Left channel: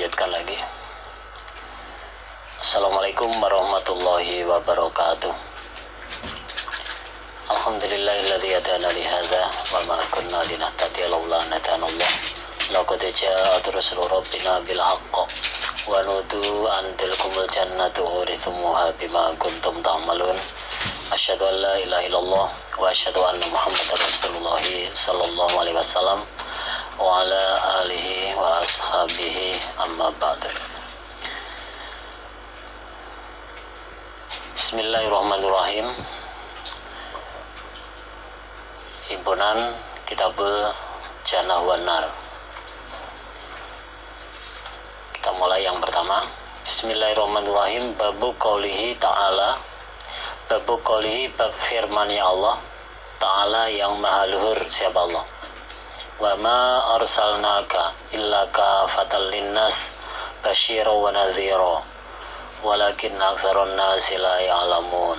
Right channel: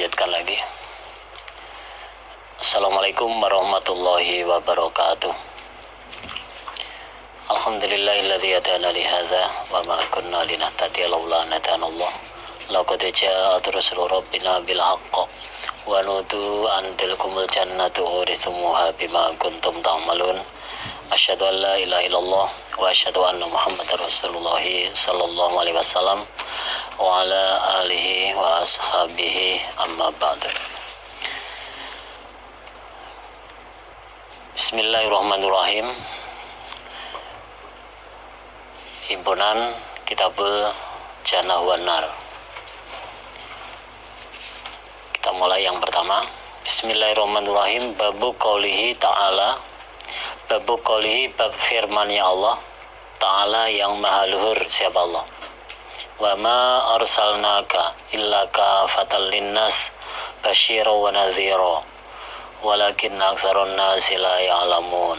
lanjutkan lagi. Assalamualaikum warahmatullahi wabarakatuh. Alhamdulillahilladzi hadana li hadza wa ma kunna linahtadiya laula an hadanallah. Laqad ja'at rusulu rabbina bil haqq wa nudu an tilkumul jannatu urithumuha bima kuntum ta'malun. Asyhadu an la ilaha illallah wa asyhadu anna Muhammadar Rasulullah sallallahu alaihi wasallam wa ala alihi wa ashabihi amma ba'du. Bismillahirrahmanirrahim. Himpunan Kitabul Jannah wan Nar. Kita mulai yang pertama. Bismillahirrahmanirrahim. Babu qaulihi ta'ala. Babu qaulihi, bab firman-Nya Allah Ta'ala yang maha luhur, siapa Allah. Wa ma arsalnaka illa kafatan linnas basyira wa nadhira walakin aktsaran nasi la ya'lamun.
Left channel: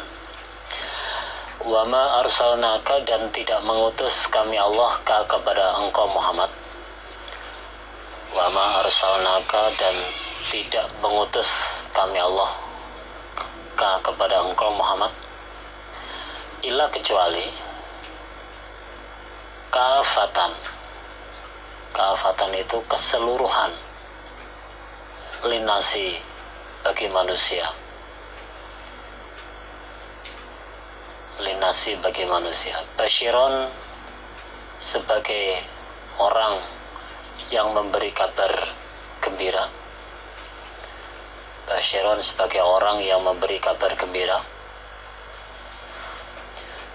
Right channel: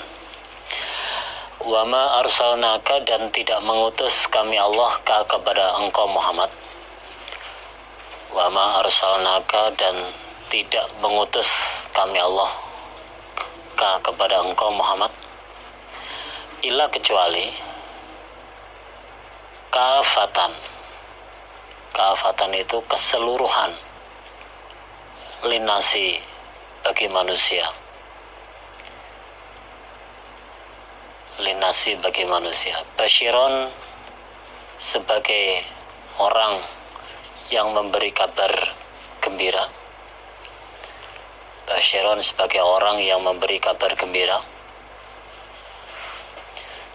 Wa ma arsalnaka, dan tidak mengutus kami Allah kepada engkau Muhammad. Wa ma arsalnaka, dan tidak mengutus kami Allah kepada engkau Muhammad illa, kecuali kafatan. Kafatan itu keseluruhan, linasi, bagi manusia. Linasi, bagi manusia. Basyiron, sebagai orang yang memberi kabar gembira. Basyiron, sebagai orang yang memberi kabar gembira,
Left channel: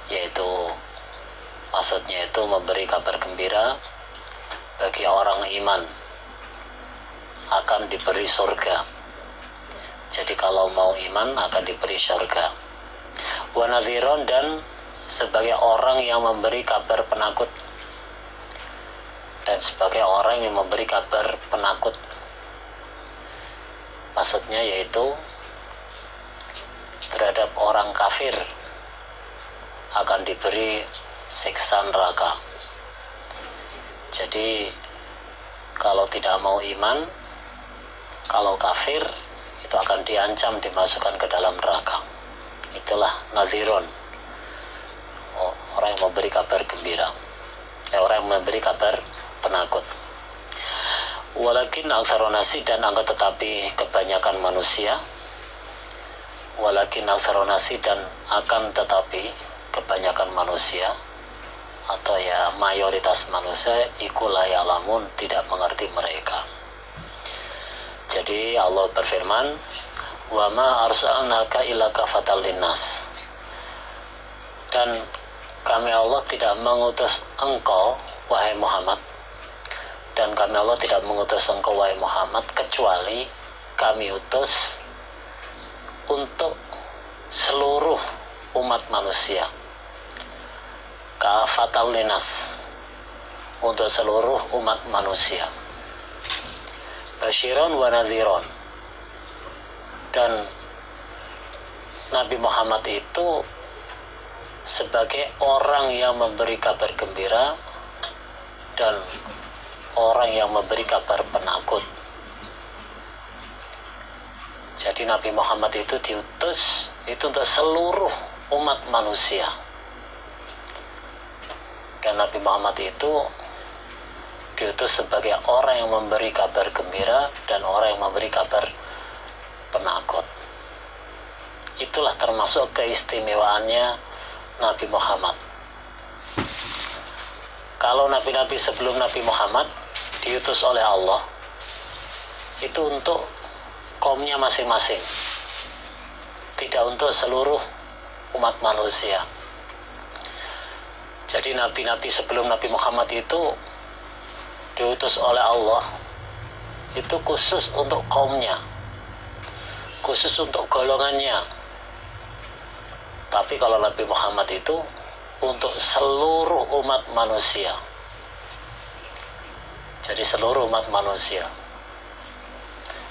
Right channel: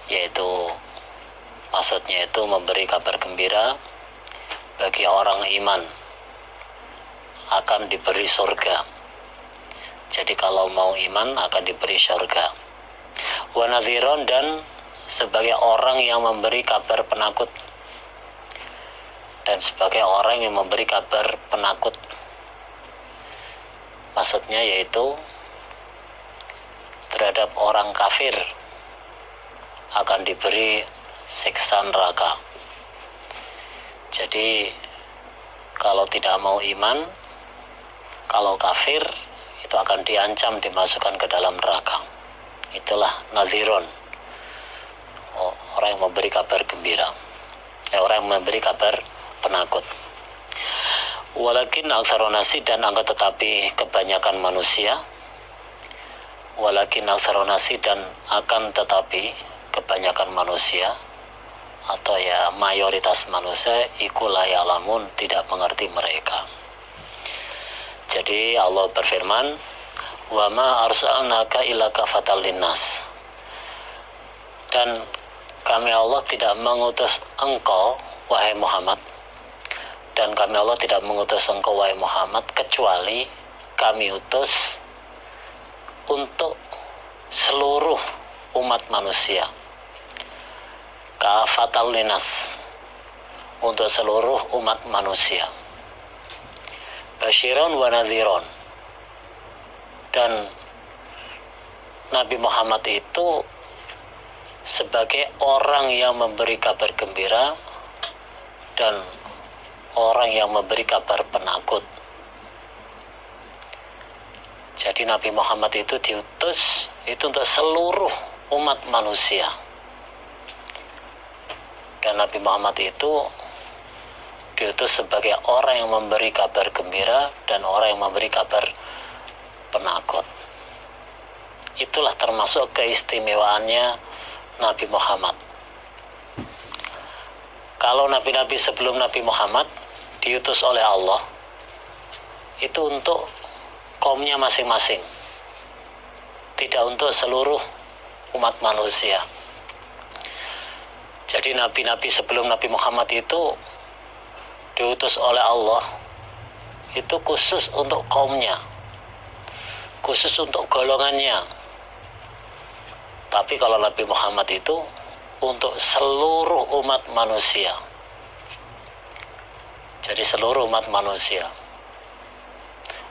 yaitu maksudnya itu memberi kabar gembira bagi orang iman akan diberi surga. Jadi kalau mau iman akan diberi surga. Wa nadhiron, dan sebagai orang yang memberi kabar penakut. Dan sebagai orang yang memberi kabar penakut, maksudnya yaitu terhadap orang kafir akan diberi siksa neraka. Jadi kalau tidak mau iman, kalau kafir, itu akan diancam dimasukkan ke dalam neraka. Itulah nadhiron, orang yang memberi kabar gembira, orang yang memberi kabar penakut. Walakin aktsarun nasi, dan akan tetapi kebanyakan manusia. Walakin aktsarun nasi, dan akan tetapi kebanyakan manusia, atau ya mayoritas manusia, iku la ya'lamun, tidak mengerti mereka. Jadi Allah berfirman, wa ma arsalnaka illa kafatan linnas, dan kami Allah tidak mengutus engkau wahai Muhammad, dan kami Allah tidak mengutus engkau wahai Muhammad kecuali kami utus untuk seluruh umat manusia. Kafatan linnas, untuk seluruh umat manusia. Basyiron wa nadhiron, dan Nabi Muhammad itu sebagai orang yang memberi kabar gembira dan orang yang memberi kabar penakut. Jadi Nabi Muhammad itu diutus itu untuk seluruh umat manusia. Dan Nabi Muhammad itu diutus sebagai orang yang memberi kabar gembira dan orang yang memberi kabar penakut. Itulah termasuk keistimewaannya Nabi Muhammad. Kalau nabi-nabi sebelum Nabi Muhammad diutus oleh Allah, itu untuk kaumnya masing-masing, tidak untuk seluruh umat manusia. Jadi nabi-nabi sebelum Nabi Muhammad itu diutus oleh Allah, itu khusus untuk kaumnya, khusus untuk golongannya. Tapi kalau Nabi Muhammad itu untuk seluruh umat manusia. Jadi seluruh umat manusia.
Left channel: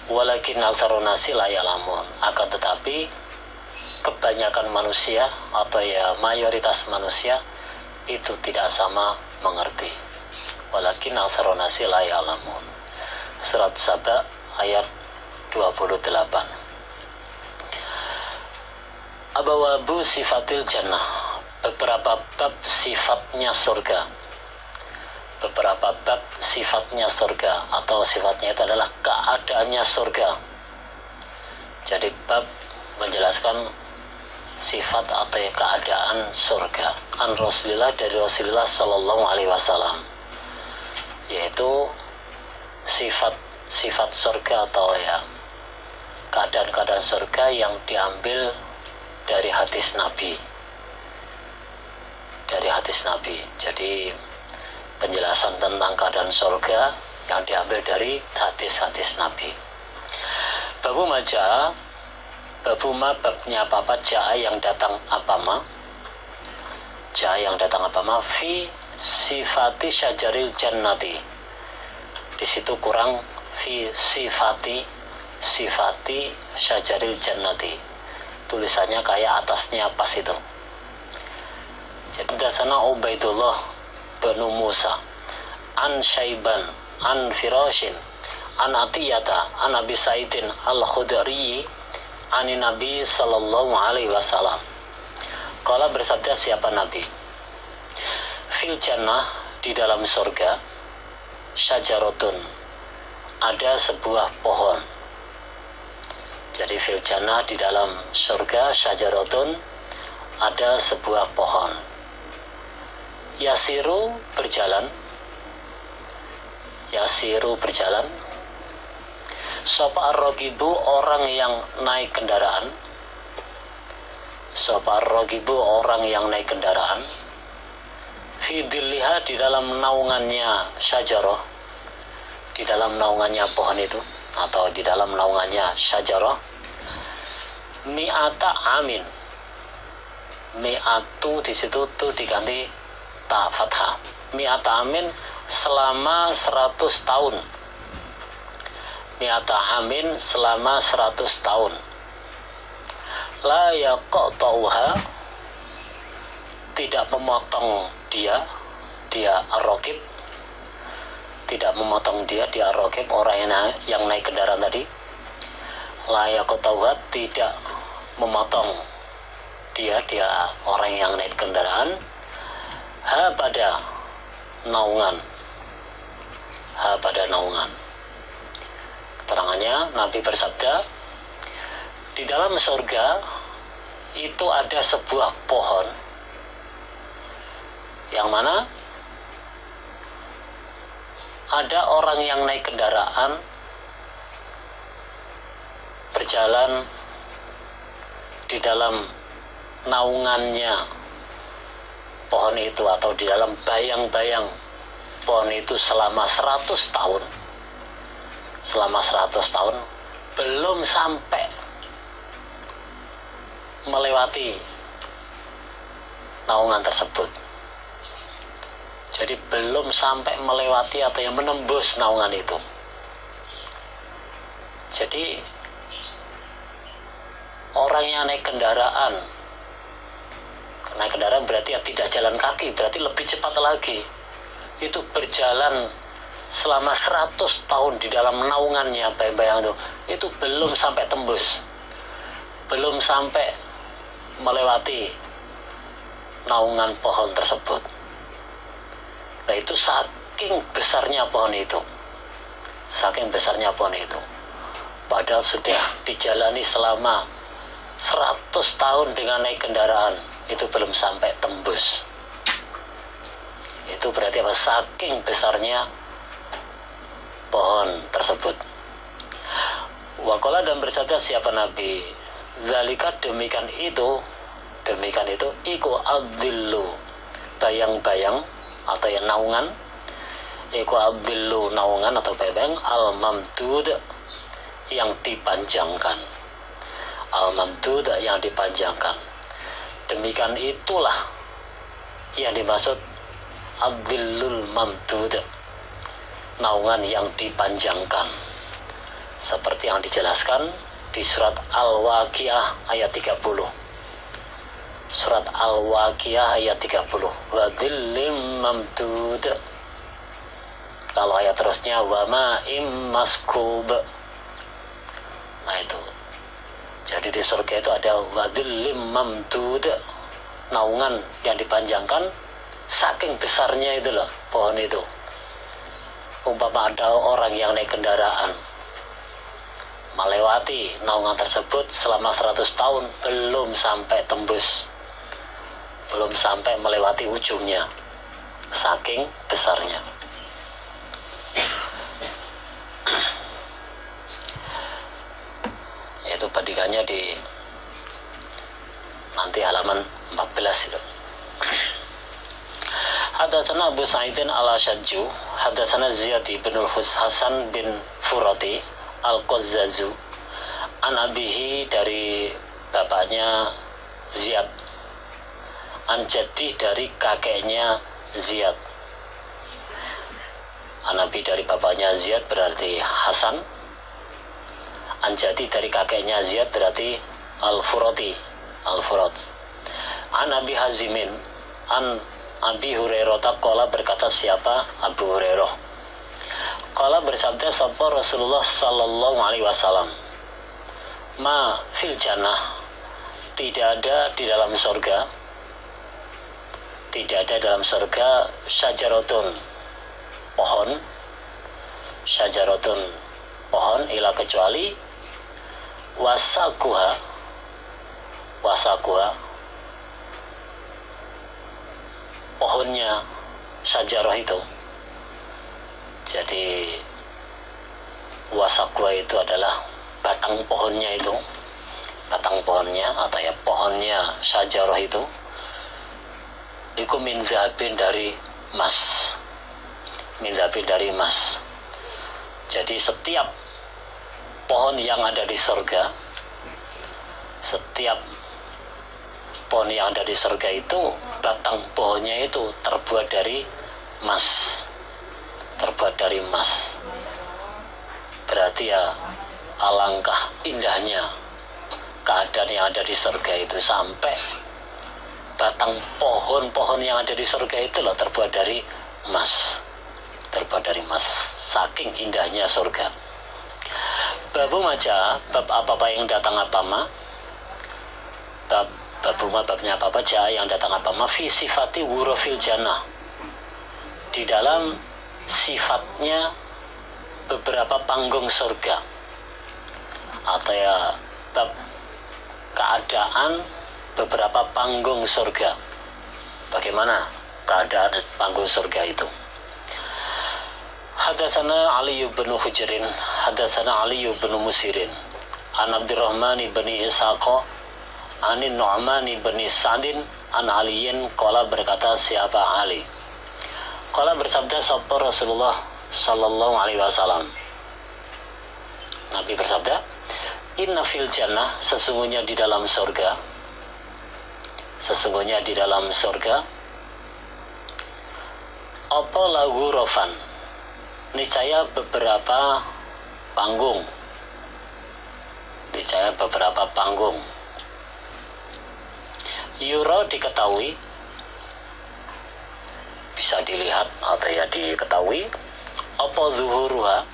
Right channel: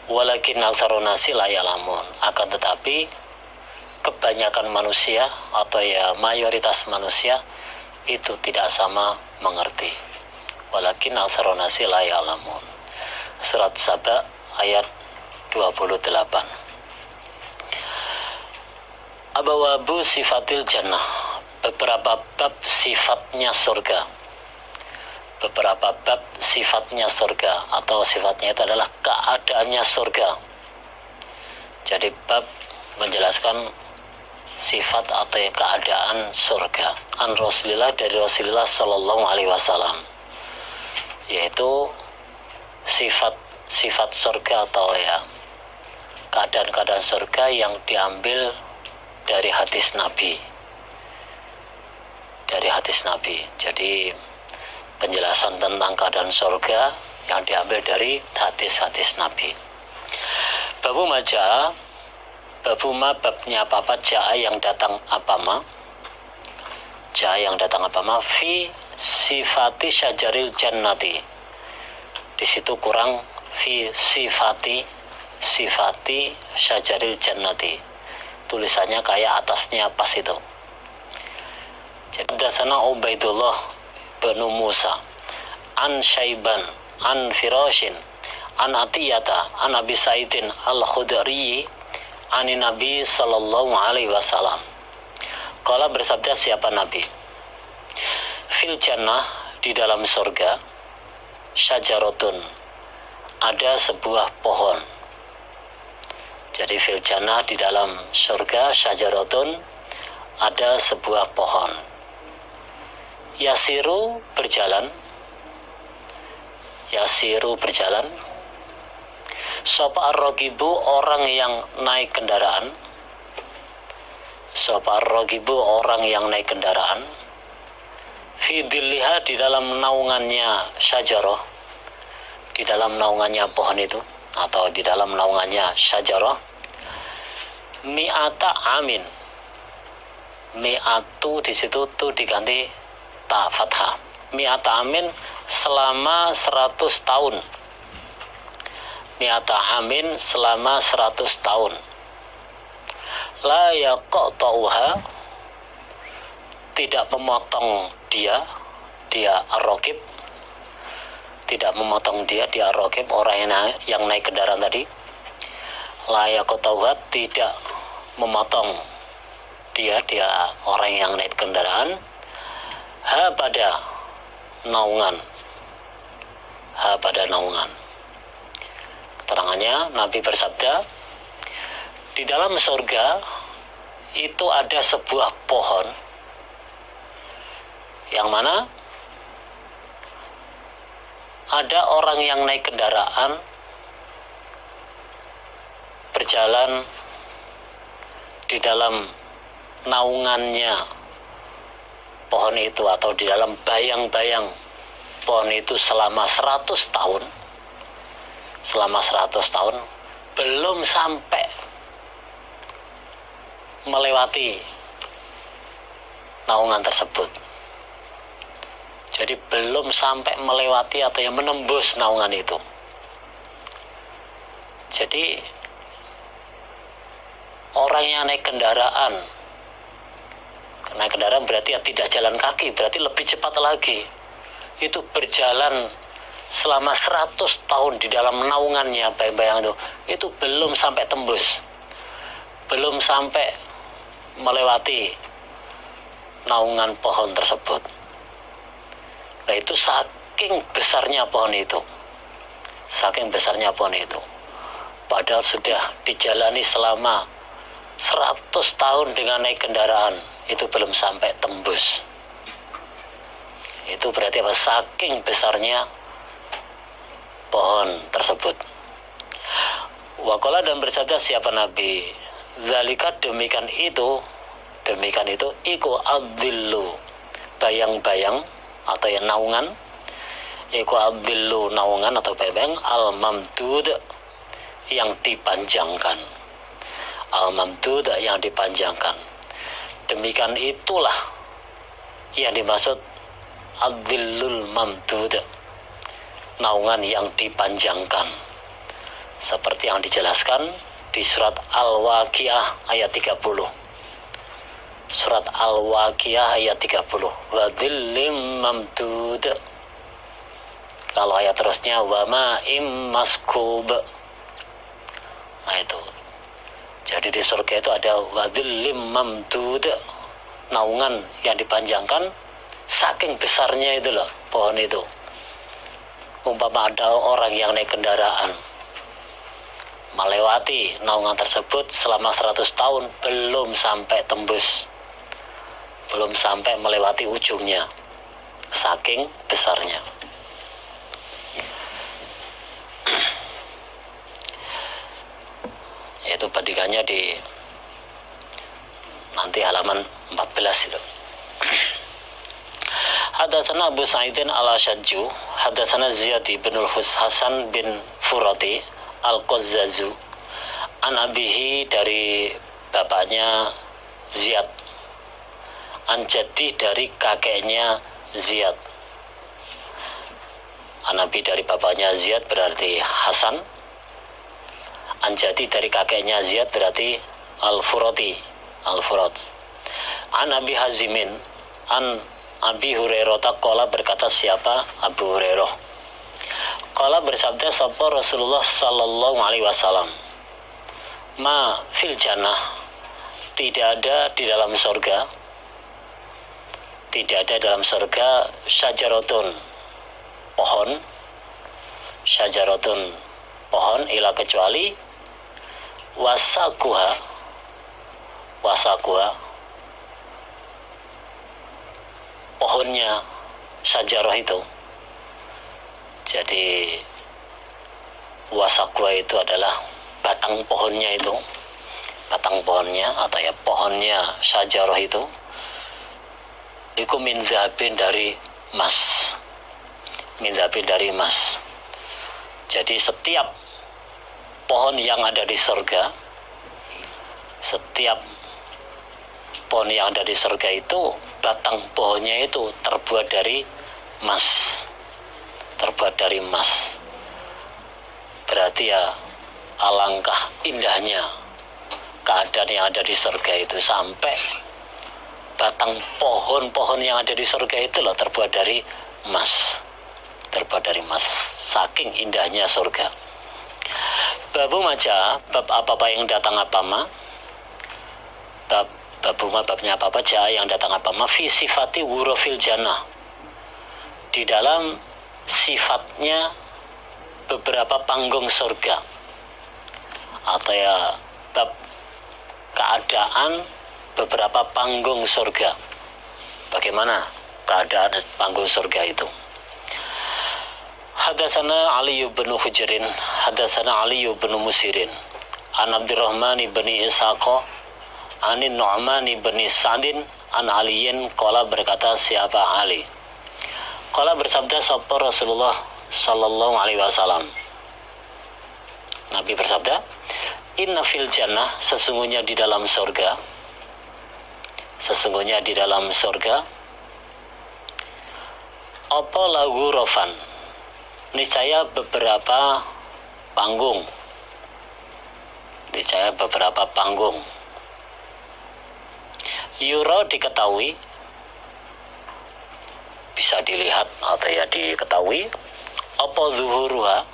Walakin aktsarun nasi la ya'lamun, akan tetapi kebanyakan manusia atau ya mayoritas manusia itu tidak sama mengerti. Walakin aktsarun nasi la ya'lamun. Surat Saba ayat 28. Abawabu sifatil jannah, beberapa bab sifatnya surga. Beberapa bab sifatnya surga, atau sifatnya itu adalah keadaannya surga. Jadi bab menjelaskan sifat atau keadaan surga. An Rasulillah, dari Rasulullah Sallallahu Alaihi Wasallam, yaitu sifat surga atau keadaan-keadaan surga yang diambil dari hadis Nabi. Jadi penjelasan tentang keadaan surga yang diambil dari hadis-hadis Nabi. Babu maja, babu ma, babnya apa? Ja'a yang datang apa ma? Ja'a yang datang apa ma? Fi sifati syajaril jannati. Di situ kurang fi sifati syajaril jannati. Tulisannya kayak atasnya pas itu. Jadi dasana Ubaidullah bin Musa an Syaiban an Firashin an Atiyata an Abi Sa'idin al-Khudri an Nabi Sallallahu Alaihi Wasallam. Qala, bersabda siapa Nabi, fil jannah, di dalam surga, syajaratun, ada sebuah pohon. Jadi fil jannah, di dalam surga, syajaratun, ada sebuah pohon. Yasiru berjalan, sopa ar-rogibu, orang yang naik kendaraan, fidilliha, di dalam naungannya syajarah, di dalam naungannya pohon itu, atau di dalam naungannya syajarah, mi'ata amin. Mi'atu di situ tuh diganti ta fathah. Mi'ata amin, selama 100 tahun. Mi'ata amin, selama 100 tahun. La yaqta'uha, tidak memotong dia ar-raqib, tidak memotong dia ar-raqib, orang yang naik kendaraan tadi. La yaqta'uha, tidak memotong dia orang yang naik kendaraan. Pada naungan. Keterangannya, Nabi bersabda, di dalam surga itu ada sebuah pohon yang mana ada orang yang naik kendaraan berjalan di dalam naungannya pohon itu, atau di dalam bayang-bayang pohon itu selama 100 tahun. Selama 100 tahun belum sampai melewati naungan tersebut. Jadi belum sampai melewati atau yang menembus naungan itu. Jadi orang yang naik kendaraan berarti tidak jalan kaki, berarti lebih cepat lagi. Itu berjalan selama 100 tahun di dalam naungannya bayang-bayang itu belum sampai tembus, belum sampai melewati naungan pohon tersebut. Nah, itu saking besarnya pohon itu. Padahal sudah dijalani selama 100 tahun dengan naik kendaraan, itu belum sampai tembus. Itu berarti apa? Saking besarnya pohon tersebut. Waqala, dan bersabda siapa Nabi, zalika, demikian itu iku adzillu, bayang-bayang atau yang naungan, iku adzillu, naungan atau bayang, al-mamdud, yang dipanjangkan. Al-mamdud, yang dipanjangkan. Demikian itulah yang dimaksud adzillul mamdud, naungan yang dipanjangkan, seperti yang dijelaskan di surat Al-Waqiah ayat 30. Surat Al-Waqiah ayat 30, wa dzillim mamdud. Kalau ayat terusnya wa ma'im maskub, Nah itu. Jadi di surga itu ada wadhillim mamdud, naungan yang dipanjangkan, saking besarnya itu loh pohon itu. Umpama ada orang yang naik kendaraan melewati naungan tersebut selama 100 tahun belum sampai tembus, belum sampai melewati ujungnya, saking besarnya. Itu bandingannya di nanti halaman 14 itu. Hadatsana Abu Sa'idin al-Ashajju, hadatsana Ziyad bin Hasan bin Furati al-Qazzazu, an abihi dari bapaknya Ziyad, an jaddi dari kakeknya Ziyad. An abi dari bapaknya Ziyad berarti Hasan, an jaddi dari kakeknya Ziyad berarti Al-Furati, Al-Furat. An Abi Hazimin, an Abi Hurairah taqala, berkata siapa? Abu Hurairah. Qala bersabda sapa Rasulullah sallallahu alaihi wasallam, ma fil jannah, tidak ada di dalam surga, tidak ada dalam surga syajaratun, pohon, syajaratun, pohon, ila kecuali wasakuha, wasakuha, pohonnya syajarah itu. Jadi wasakwa itu adalah batang pohonnya itu, batang pohonnya atau ya pohonnya syajarah itu. Iku min dhahabin, dari emas, min dhahabin, dari emas. Jadi setiap pohon yang ada di surga, setiap pohon yang ada di surga itu batang pohonnya itu terbuat dari emas, terbuat dari emas. Berarti ya alangkah indahnya keadaan yang ada di surga itu, sampai batang pohon-pohon yang ada di surga itu loh terbuat dari emas, terbuat dari emas, saking indahnya surga. Babu maja, bab apa-apa yang datang apa-ma, babnya apa-apa ja yang datang apa-ma, fi sifati wurufil jannah, di dalam sifatnya beberapa panggung surga, atau ya bab keadaan beberapa panggung surga. Bagaimana keadaan panggung surga itu? Hadatsana Ali bin Hujrin, hadatsana Ali bin Musirin, an Abdurrahman bin Ishaqa, anin Nu'man bin Sa'din, an Aliyin qala, berkata siapa Ali. Qala bersabda sapa Rasulullah sallallahu alaihi wasallam. Nabi bersabda, inna fil jannah, sesungguhnya di dalam surga, sesungguhnya di dalam surga, apa lagu rofan, niscaya beberapa panggung, niscaya beberapa panggung. Yura, diketahui, bisa dilihat atau ya diketahui, apa zuhuruha,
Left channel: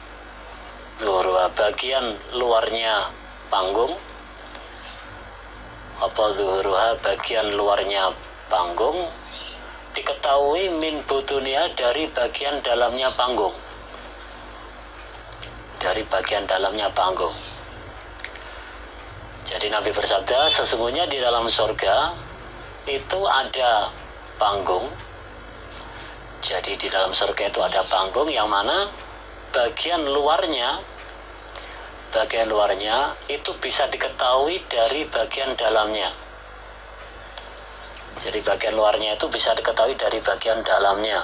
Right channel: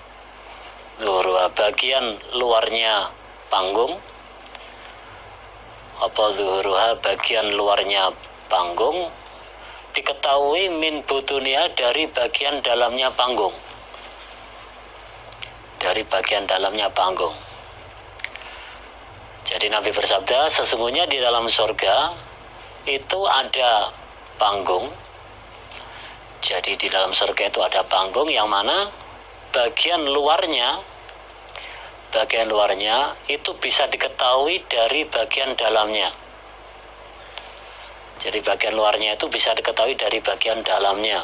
zuhuruha bagian luarnya panggung, apa zuhuruha bagian luarnya panggung, diketahui min butunia, dari bagian dalamnya panggung, dari bagian dalamnya panggung. Jadi Nabi bersabda, sesungguhnya di dalam surga itu ada panggung. Jadi di dalam surga itu ada panggung yang mana bagian luarnya itu bisa diketahui dari bagian dalamnya. Jadi bagian luarnya itu bisa diketahui dari bagian dalamnya.